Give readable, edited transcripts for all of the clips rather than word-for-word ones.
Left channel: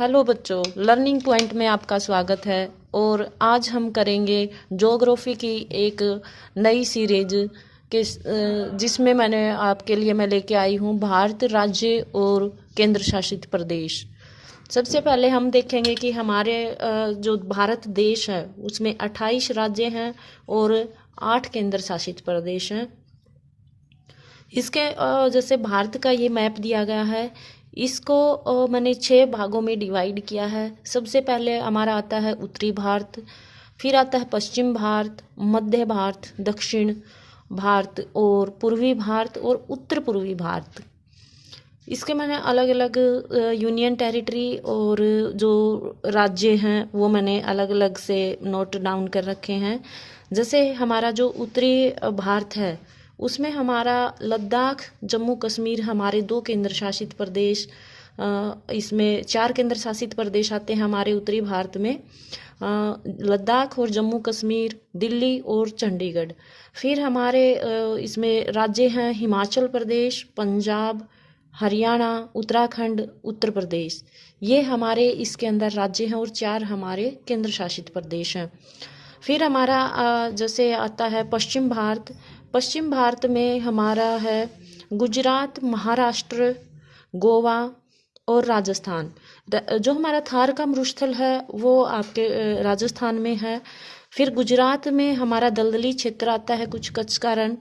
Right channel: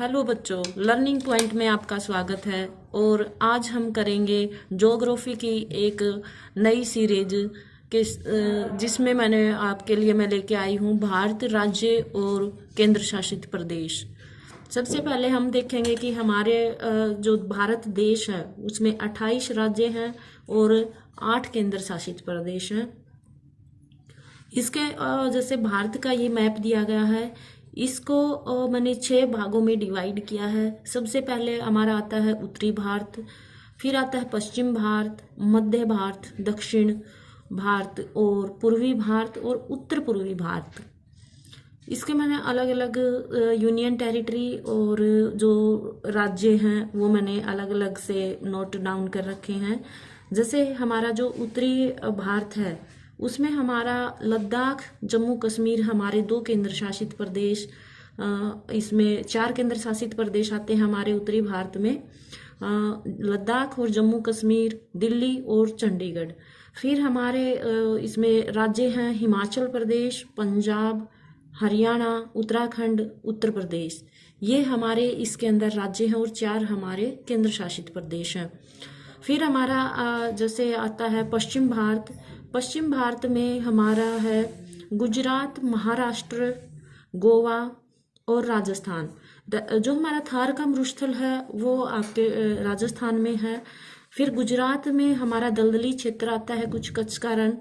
Hello बच्चों, learning point में आपका स्वागत है। और आज हम करेंगे ज्योग्राफी की एक नई सीरीज के जिसमें मैं लेके आई हूँ भारत राज्य और केंद्र शासित प्रदेश। सबसे पहले हम देखेंगे कि हमारे जो भारत देश है उसमें 28 राज्य हैं और 8 केंद्र शासित प्रदेश हैं। इसके जैसे भारत का ये मैप दिया गया है, इसको मैंने 6 भागों में डिवाइड किया है। सबसे पहले हमारा आता है उत्तरी भारत, फिर आता है पश्चिम भारत, मध्य भारत, दक्षिण भारत और पूर्वी भारत और उत्तर पूर्वी भारत। इसके मैंने अलग अलग यूनियन टेरिटरी और जो राज्य हैं वो मैंने अलग अलग से नोट डाउन कर रखे हैं। जैसे हमारा जो उत्तरी भारत है उसमें हमारा लद्दाख, जम्मू कश्मीर हमारे 2 केंद्र शासित प्रदेश, इसमें 4 केंद्र शासित प्रदेश आते हैं हमारे उत्तरी भारत में, लद्दाख और जम्मू कश्मीर, दिल्ली और चंडीगढ़। फिर हमारे इसमें राज्य हैं हिमाचल प्रदेश, पंजाब, हरियाणा, उत्तराखंड, उत्तर प्रदेश। ये हमारे इसके अंदर राज्य हैं और 4 हमारे केंद्र शासित प्रदेश हैं। फिर हमारा जैसे आता है पश्चिम भारत। पश्चिम भारत में हमारा है गुजरात, महाराष्ट्र, गोवा और राजस्थान। जो हमारा थार का मरुस्थल है वो आपके राजस्थान में है। फिर गुजरात में हमारा दलदली क्षेत्र आता है, कुछ कच्छ का रण।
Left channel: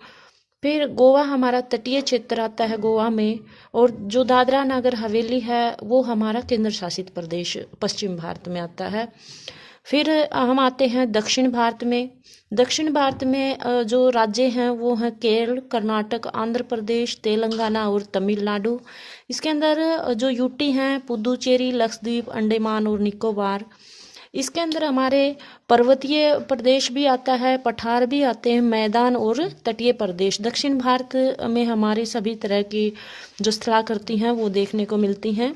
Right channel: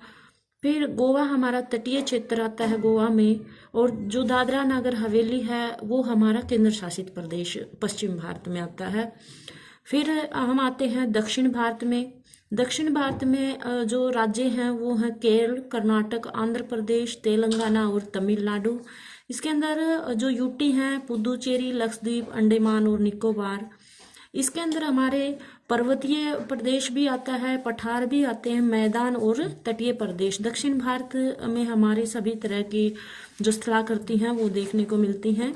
फिर गोवा हमारा तटीय क्षेत्र आता है गोवा में, और जो दादरा नगर हवेली है वो हमारा केंद्र शासित प्रदेश पश्चिम भारत में आता है। फिर हम आते हैं दक्षिण भारत में। दक्षिण भारत में जो राज्य हैं वो हैं केरल, कर्नाटक, आंध्र प्रदेश, तेलंगाना और तमिलनाडु। इसके अंदर जो यूटी हैं पुदुचेरी, लक्षद्वीप, अंडमान और निकोबार। इसके अंदर हमारे पर्वतीय प्रदेश भी आता है, पठार भी आते हैं, मैदान और तटीय प्रदेश। दक्षिण भारत में हमारे सभी तरह की जो स्थलाकृति हैं वो देखने को मिलती हैं।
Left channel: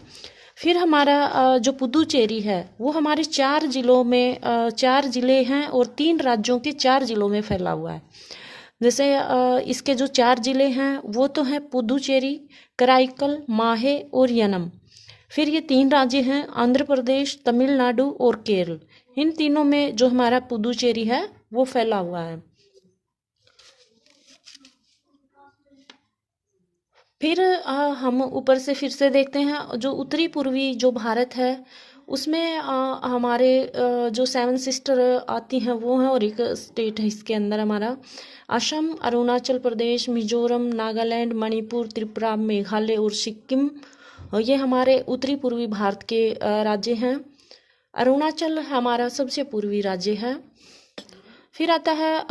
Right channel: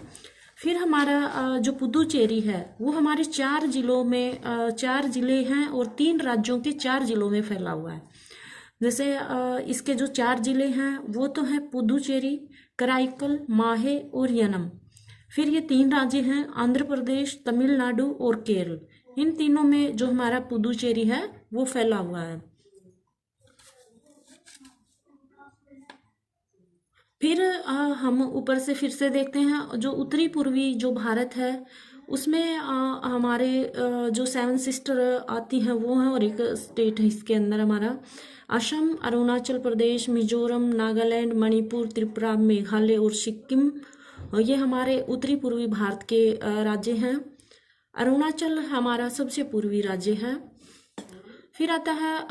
फिर हमारा जो पुदुचेरी है वो हमारे 4 जिलों में 4 जिले हैं और 3 राज्यों के 4 जिलों में फैला हुआ है। जैसे इसके जो 4 जिले हैं वो तो हैं पुदुचेरी, कराईकल, माहे और यनम। फिर ये 3 राज्य हैं आंध्र प्रदेश, तमिलनाडु और केरल। इन तीनों में जो हमारा पुदुचेरी है वो फैला हुआ है। फिर हम ऊपर से फिर से देखते हैं जो उत्तरी पूर्वी जो भारत है उसमें हमारे जो 7 सिस्टर आती हैं वो हैं, और एक स्टेट है इसके अंदर हमारा असम, अरुणाचल प्रदेश, मिजोरम, नागालैंड, मणिपुर, त्रिपुरा, मेघालय और सिक्किम। ये हमारे उत्तरी पूर्वी भारत के राज्य हैं। अरुणाचल हमारा सबसे पूर्वी राज्य है। फिर आता है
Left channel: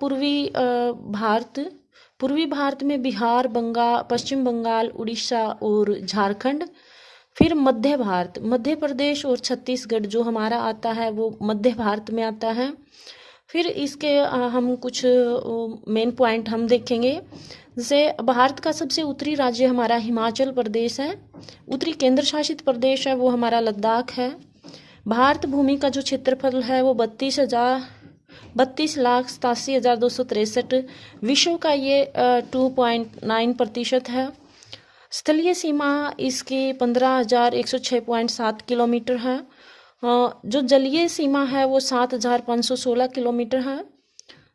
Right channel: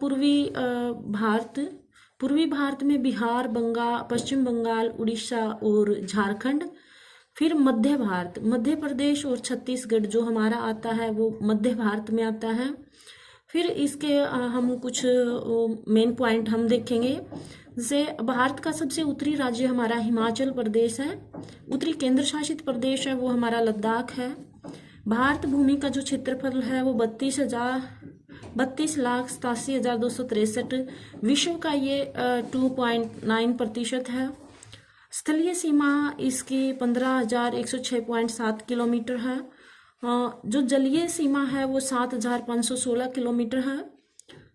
पूर्वी भारत। पूर्वी भारत में बिहार, पश्चिम बंगाल, उड़ीसा और झारखंड। फिर मध्य भारत, मध्य प्रदेश और छत्तीसगढ़ जो हमारा आता है वो मध्य भारत में आता है। फिर इसके हम कुछ मेन पॉइंट हम देखेंगे। जैसे भारत का सबसे उत्तरी राज्य हमारा हिमाचल प्रदेश है। उत्तरी केंद्र शासित प्रदेश है वो हमारा लद्दाख है। भारत भूमि का जो क्षेत्रफल है वो 32,87,263। विश्व का ये 2.9% है। स्थलीय सीमा इसकी 15,106.7 किलोमीटर है। जो जलीय सीमा है वो 7,516 किलोमीटर है।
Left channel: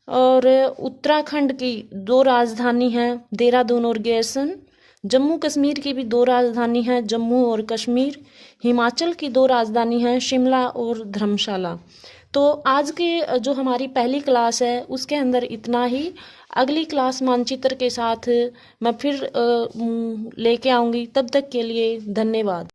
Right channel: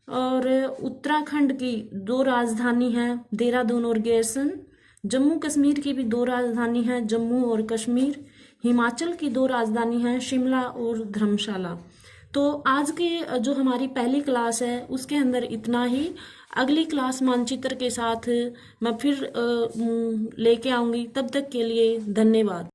और उत्तराखंड की 2 राजधानी हैं, देहरादून और गैरसन। जम्मू कश्मीर की भी 2 राजधानी हैं, जम्मू और कश्मीर। हिमाचल की 2 राजधानी हैं, शिमला और धर्मशाला। तो आज की जो हमारी पहली क्लास है उसके अंदर इतना ही। अगली क्लास मानचित्र के साथ मैं फिर लेके आऊँगी। तब तक के लिए धन्यवाद।